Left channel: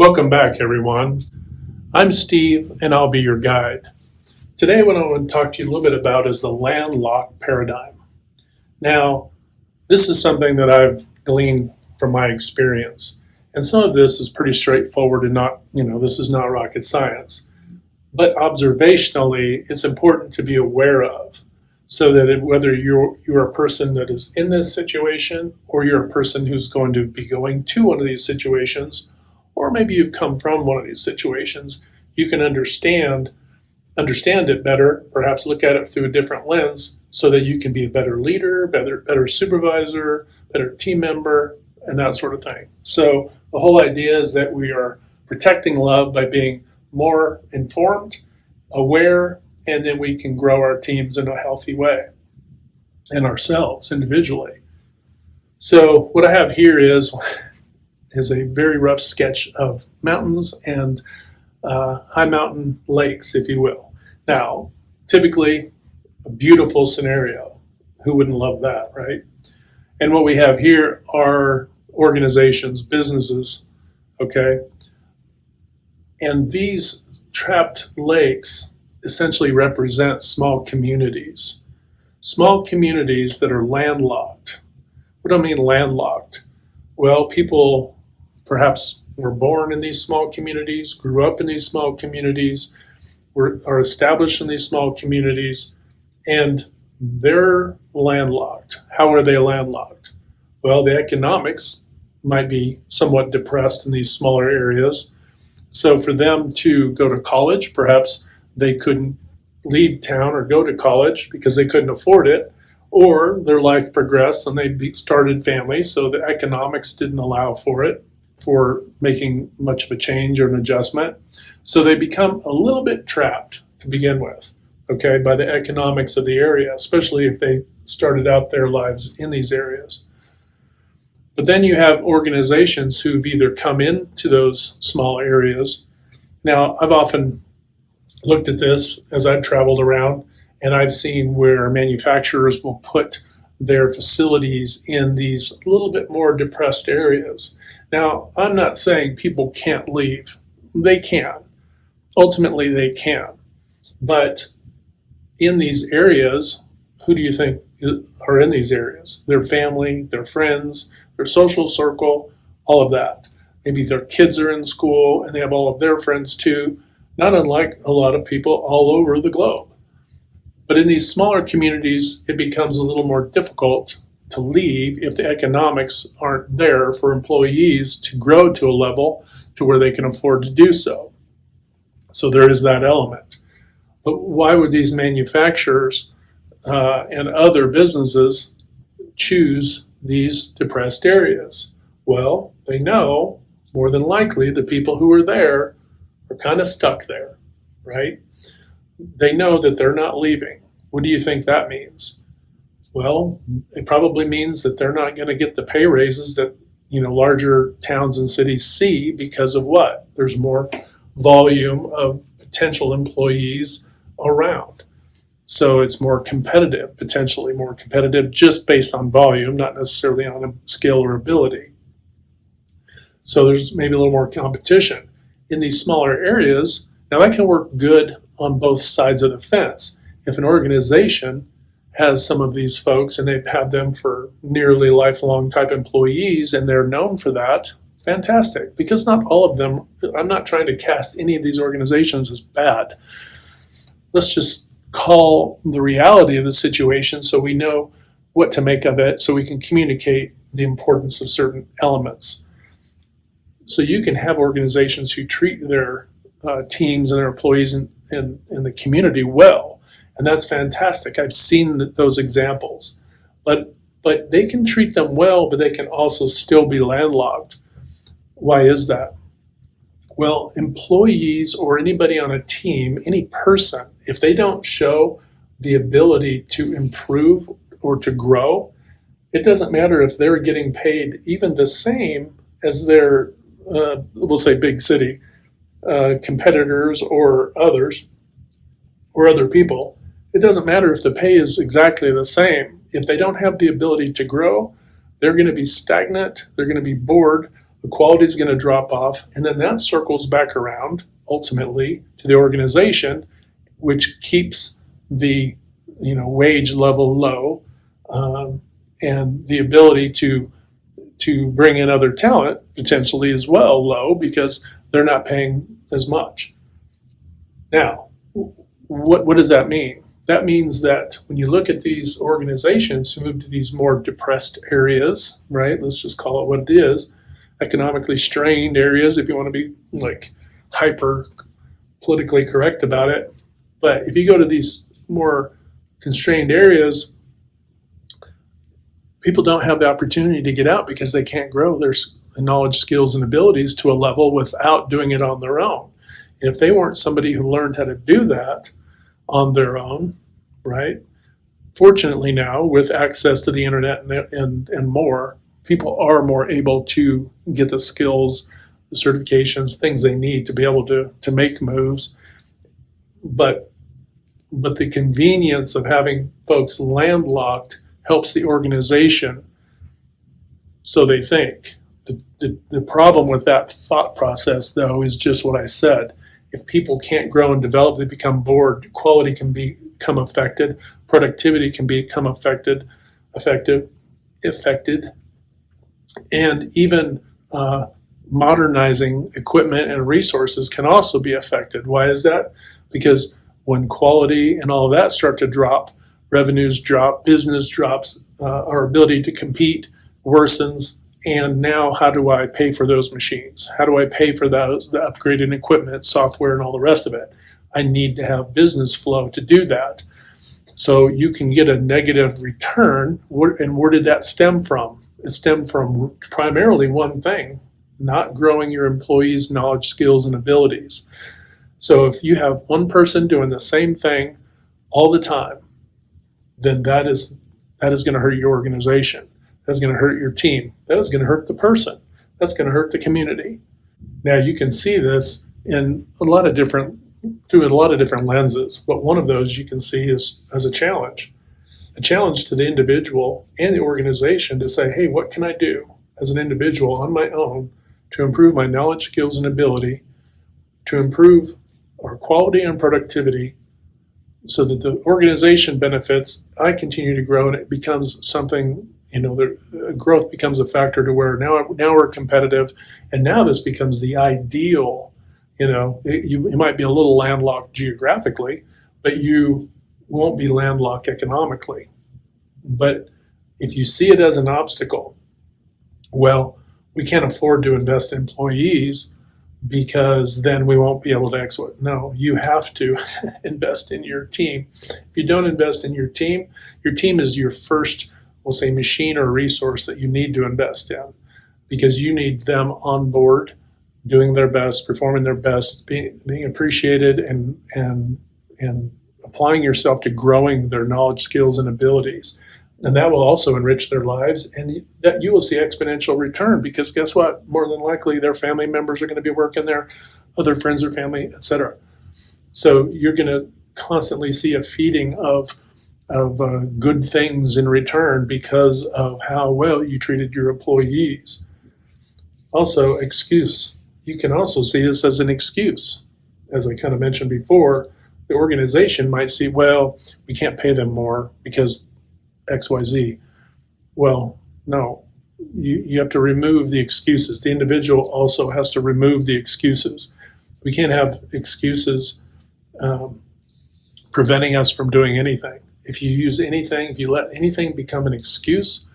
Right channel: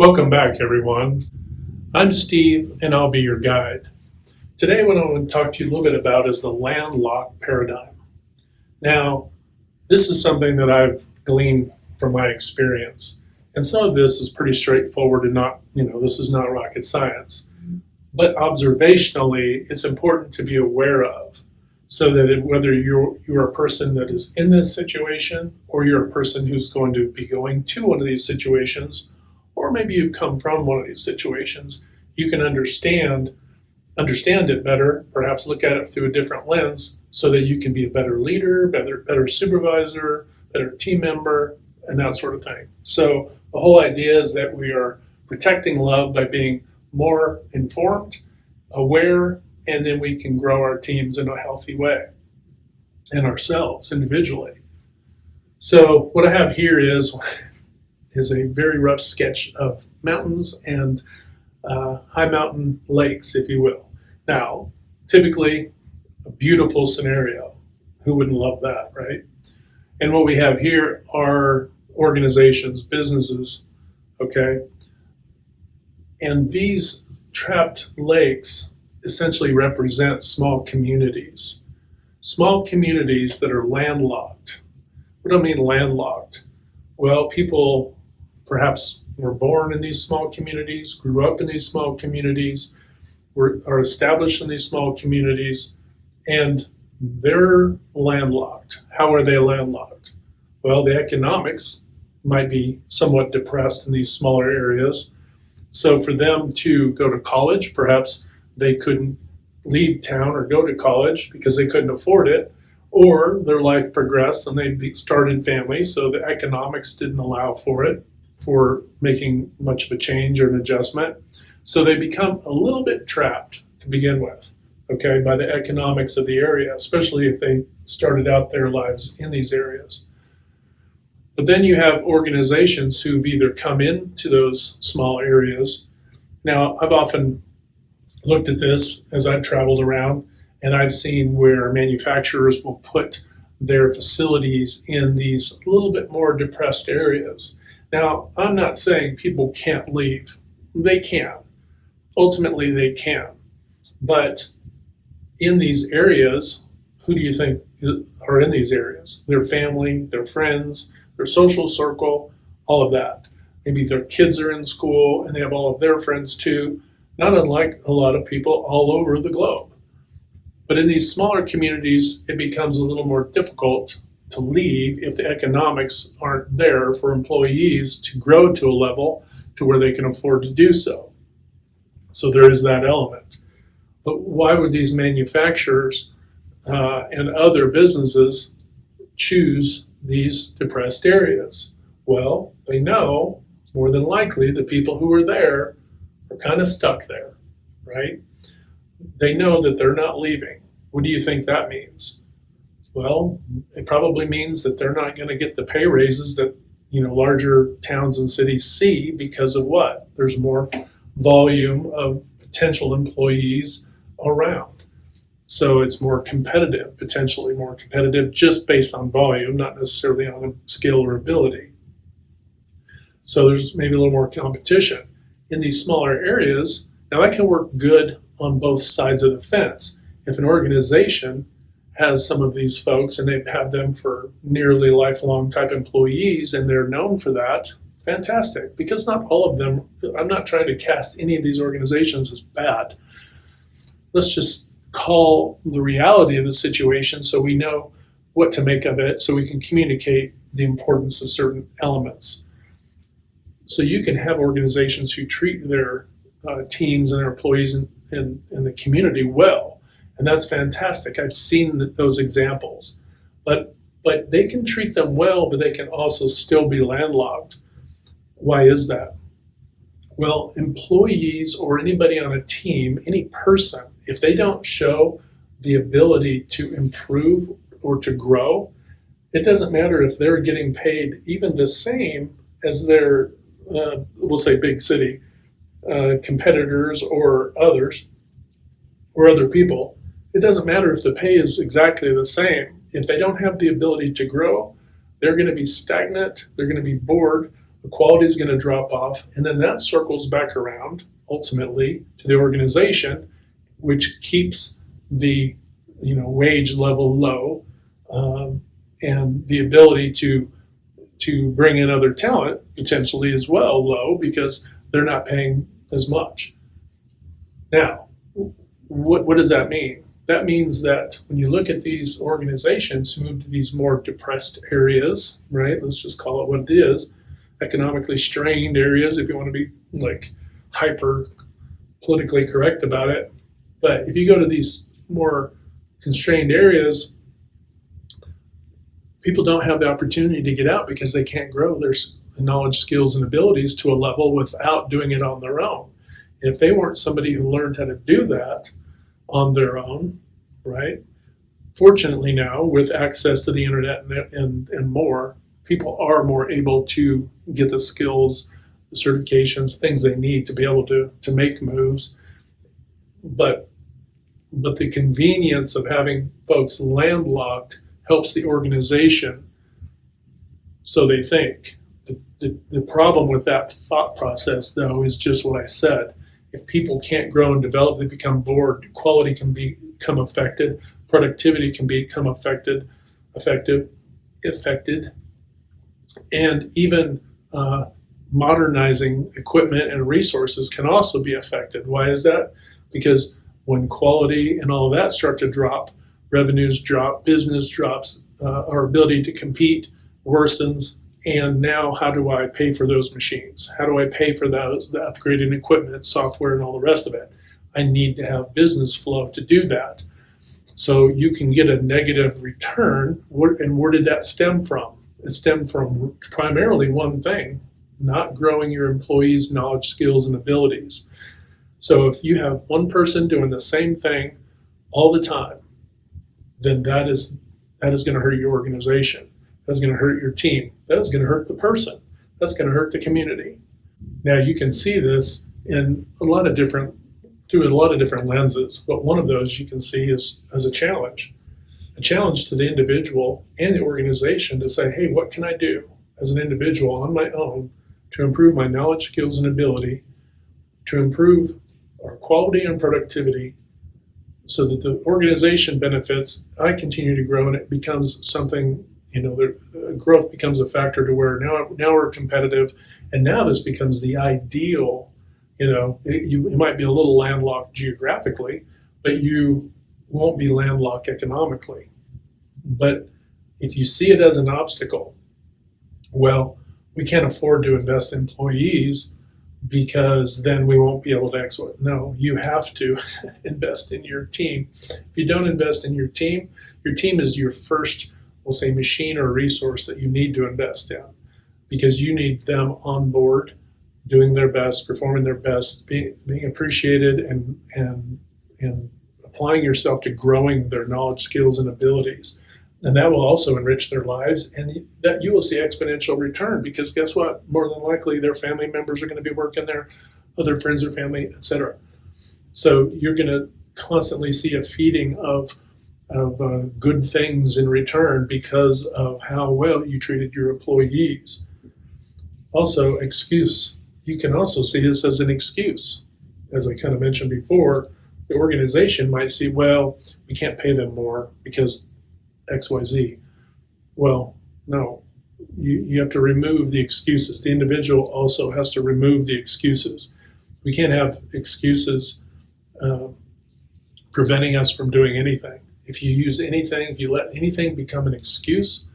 Welcome back, everyone. I'm Steve, and I'll be your guide. Today, what I want to talk to you a little bit about is the landlocked paradigm. Now, this is something that I've gleaned from my experience, and some of this is pretty straightforward and this is not rocket science. But observationally, it's important to be aware of so that whether you're a person that is in this situation or you're a person who's going to be going to one of these situations, or maybe you've come from one of these situations, you can understand it better, perhaps look at it through a different lens so that you can be a better leader, better supervisor, better team member, and that sort of thing. So the whole idea is that we are protecting love by being more informed, aware, and then we can grow our teams in a healthy way and ourselves individually. So what I have here is a very rough sketch of mountains and high mountain lakes, if you will. Now, typically a beautiful scenario. Who wouldn't love that, right? And what we have here are organizations, businesses, okay? And these trapped lakes essentially represent small communities that are landlocked. What do I mean landlocked? Well, people perhaps were born in these small communities, grew up in these small communities, are established in these small communities, and they're landlocked. How are they landlocked? Well, the economics might be somewhat depressed in these smaller areas. So for them to go to college, perhaps they couldn't leave town or go to college because they couldn't afford it, or their life progressed and they started families, so the economics didn't allow for making much of a change or an adjustment. So they become a little bit trapped to begin with, okay, by the economics of the area, especially if they started out their lives in these areas. But then you have organizations who've either come into those small areas. Now, I've often looked at this as I've traveled around, and I've seen where manufacturers will put their facilities in these a little bit more depressed areas. Now, I'm not saying people can't leave. They can. Ultimately, they can. But in these areas, who do you think are in these areas? Their family, their friends, their social circle, all of that. Maybe their kids are in school and they have all of their friends too, not unlike a lot of people all over the globe. But in these smaller communities, it becomes a little more difficult to leave if the economics aren't there for employees to grow to a level to where they can afford to do so. So there is that element. But why would these manufacturers and other businesses choose these depressed areas? Well, they know more than likely the people who are there are kind of stuck there, right? They know that they're not leaving. What do you think that means? Well, it probably means that they're not going to get the pay raises that larger towns and cities see because of what? There's more volume of potential employees around. So it's more competitive, potentially more competitive just based on volume, not necessarily on a skill or ability. So there's maybe a little more competition. In these smaller areas, now that can work good on both sides of the fence. If an organization has some of these folks and they've had them for nearly lifelong type employees and they're known for that, fantastic. Because not all of them, I'm not trying to cast any of these organizations as bad. Let's just call the reality of the situation so we know what to make of it, so we can communicate the importance of certain elements. So you can have organizations who treat their teams and their employees in the community well, and that's fantastic. I've seen those examples, but they can treat them well, but they can also still be landlocked. Why is that? Well, employees or anybody on a team, any person, if they don't show the ability to improve or to grow, it doesn't matter if they're getting paid even the same as their, we'll say, big city competitors or others or other people. It doesn't matter if the pay is exactly the same. If they don't have the ability to grow, they're going to be stagnant, they're going to be bored, the quality is going to drop off, and then that circles back around ultimately to the organization, which keeps the wage level low, and the ability to bring in other talent potentially as well low because they're not paying as much. Now, what does that mean? That means that when you look at these organizations who move to these more depressed areas, right? Let's just call it what it is, economically strained areas, if you want to be like hyper politically correct about it. But if you go to these more constrained areas, people don't have the opportunity to get out because they can't grow their knowledge, skills, and abilities to a level without doing it on their own. And if they weren't somebody who learned how to do that on their own, right? Fortunately now, with access to the internet and more, people are more able to get the skills, the certifications, things they need to be able to make moves. But the convenience of having folks landlocked helps the organization, so they think. The problem with that thought process, though, is just what I said. If people can't grow and develop, they become bored. Quality can become affected. Productivity can become affected, and even modernizing equipment and resources can also be affected. Why is that? Because when quality and all of that start to drop, revenues drop, business drops, our ability to compete worsens. And now how do I pay for those machines? How do I pay for those, the upgraded equipment, software, and all the rest of it? I need to have business flow to do that. So you can get a negative return. And where did that stem from? It stemmed from primarily one thing, not growing your employees' knowledge, skills, and abilities. So if you have one person doing the same thing all the time, then that is going to hurt your organization. That's going to hurt your team. That is going to hurt the person. That's going to hurt the community. Now you can see this through a lot of different lenses, but one of those you can see is as a challenge to the individual and the organization to say, hey, what can I do as an individual on my own to improve my knowledge, skills, and ability, to improve our quality and productivity, so that the organization benefits, I continue to grow, and it becomes something, the growth becomes a factor to where now we're competitive, and now this becomes the ideal. You might be a little landlocked geographically, but you won't be landlocked economically. But if you see it as an obstacle, well, we can't afford to invest in employees because then we won't be able to export. No, you have to invest in your team. If you don't invest in your team is your first, we'll say, machine or resource that you need to invest in, because you need them on board, doing their best, performing their best, being appreciated, and applying yourself to growing their knowledge, skills, and abilities. And that will also enrich their lives, and that you will see exponential return, because guess what? More than likely, their family members are going to be working there, other friends or family, etc. So you're going to constantly see a feeding of good things in return because of how well you treated your employees. Also, excuse. You can also see this as an excuse. As I kind of mentioned before, the organization might see, well, we can't pay them more because XYZ. Well, no, you have to remove the excuses. The individual also has to remove the excuses. We can't have excuses preventing us from doing anything. If you use anything, if you let anything become an excuse,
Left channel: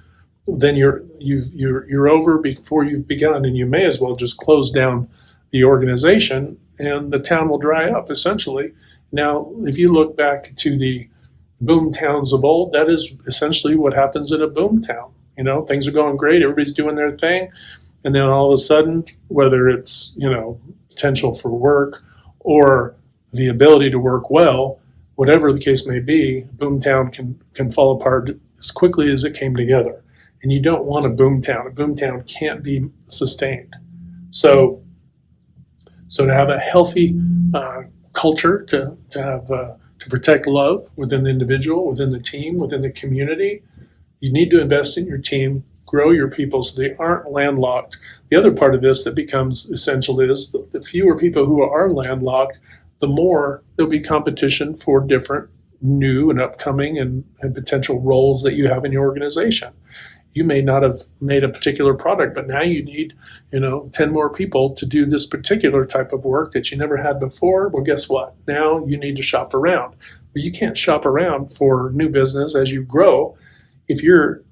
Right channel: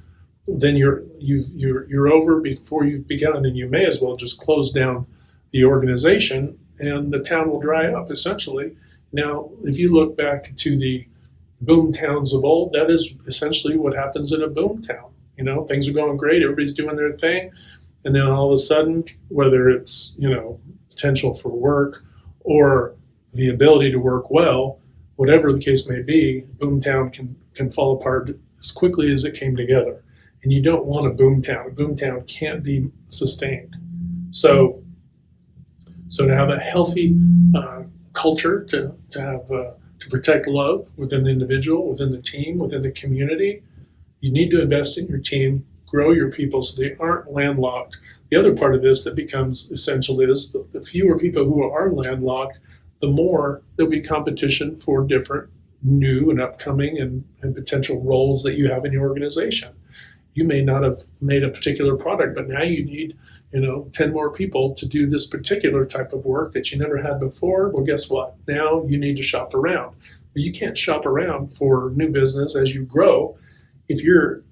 then you're over before you've begun, and you may as well just close down the organization, and the town will dry up essentially. Now, if you look back to the boom towns of old, that is essentially what happens in a boom town. Things are going great, everybody's doing their thing, and then all of a sudden, whether it's potential for work or the ability to work well, whatever the case may be, boom town can fall apart as quickly as it came together. And you don't want a boom town. A boom town can't be sustained. So to have a healthy culture, to protect love within the individual, within the team, within the community, you need to invest in your team, grow your people so they aren't landlocked The other part of this that becomes essential is the fewer people who are landlocked, the more there'll be competition for different new and upcoming and potential roles that you have in your organization. You may not have made a particular product, but now you need, 10 more people to do this particular type of work that you never had before. Well, guess what? Now you need to shop around. Well, you can't shop around for new business as you grow if you're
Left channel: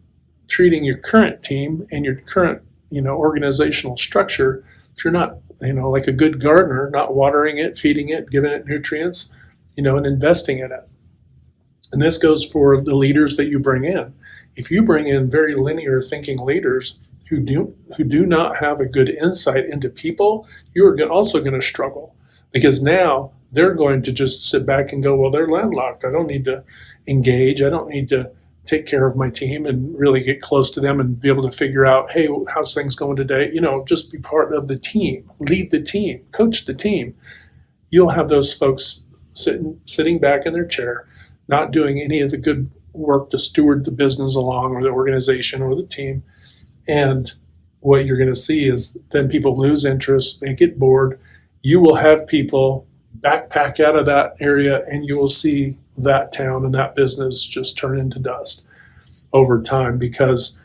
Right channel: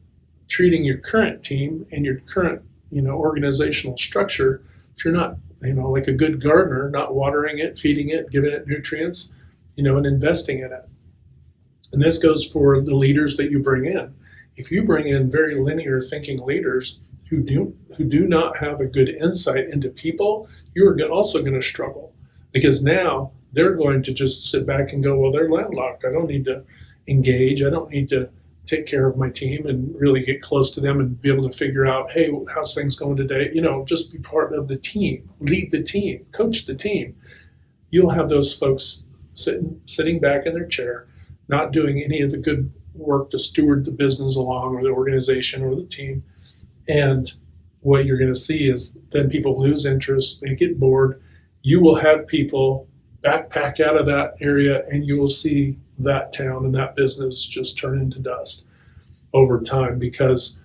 treating your current team and your current, organizational structure, if you're not, like a good gardener, not watering it, feeding it, giving it nutrients, and investing in it. And this goes for the leaders that you bring in. If you bring in very linear thinking leaders who do not have a good insight into people, you are also going to struggle, because now they're going to just sit back and go, well, they're landlocked. I don't need to engage. I don't need to take care of my team and really get close to them and be able to figure out, hey, how's things going today? Just be part of the team, lead the team, coach the team. You'll have those folks sitting back in their chair, not doing any of the good work to steward the business along, or the organization or the team. And what you're going to see is then people lose interest, they get bored. You will have people backpack out of that area, and you will see that town and that business just turn into dust over time, because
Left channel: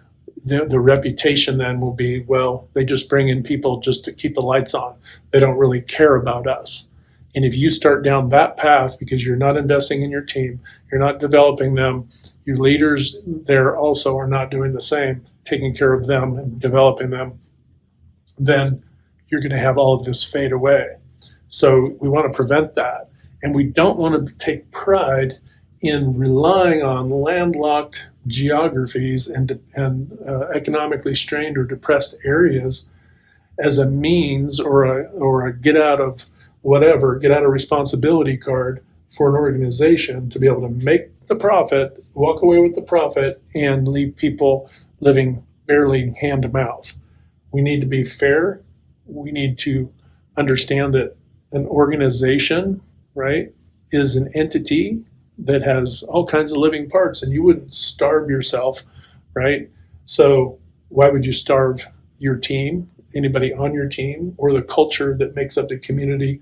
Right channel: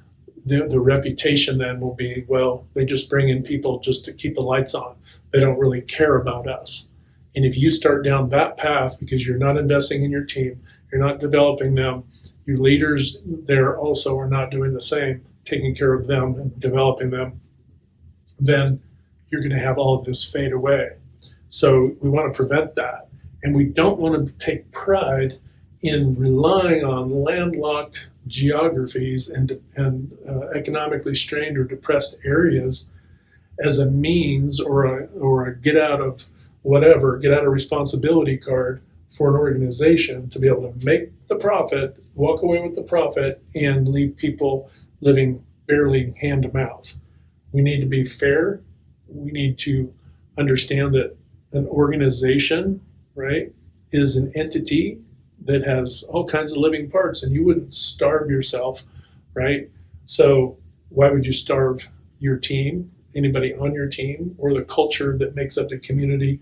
the reputation then will be, well, they just bring in people just to keep the lights on. They don't really care about us. And if you start down that path because you're not investing in your team, you're not developing them, your leaders there also are not doing the same, taking care of them and developing them, then you're going to have all of this fade away. So we want to prevent that. And we don't want to take pride in relying on landlocked geographies and economically strained or depressed areas as a means or a get out of responsibility card for an organization to be able to make the profit, walk away with the profit, and leave people living barely hand to mouth. We need to be fair. We need to understand that an organization, right, is an entity that has all kinds of living parts, and you wouldn't starve yourself, right? So why would you starve your team, anybody on your team, or the culture that makes up the community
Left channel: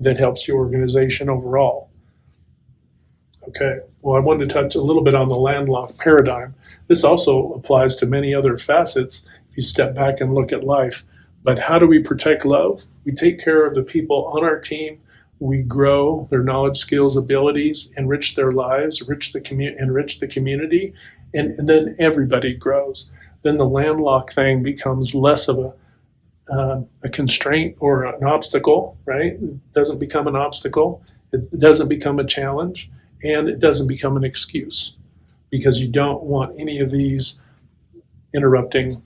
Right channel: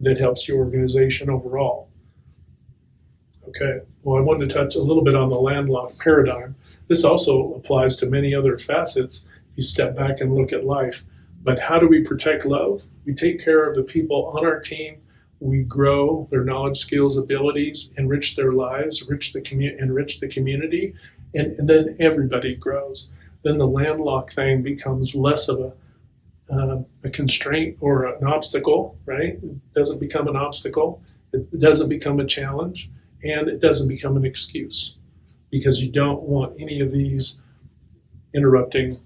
that helps your organization overall? Okay, well, I wanted to touch a little bit on the landlocked paradigm. This also applies to many other facets if you step back and look at life. But how do we protect love? We take care of the people on our team. We grow their knowledge, skills, abilities, enrich their lives, enrich the community, and then everybody grows. Then the landlocked thing becomes less of a constraint or an obstacle, right? It doesn't become an obstacle. It doesn't become a challenge, and it doesn't become an excuse, because you don't want any of these interrupting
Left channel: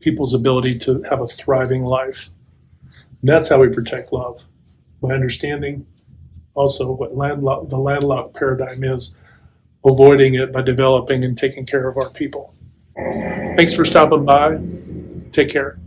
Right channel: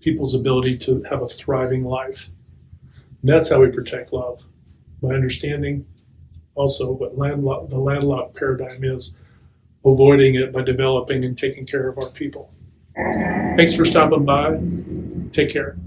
people's ability to have a thriving life. And that's how we protect love, by understanding also what the landlocked paradigm is, avoiding it by developing and taking care of our people. Thanks for stopping by. Take care.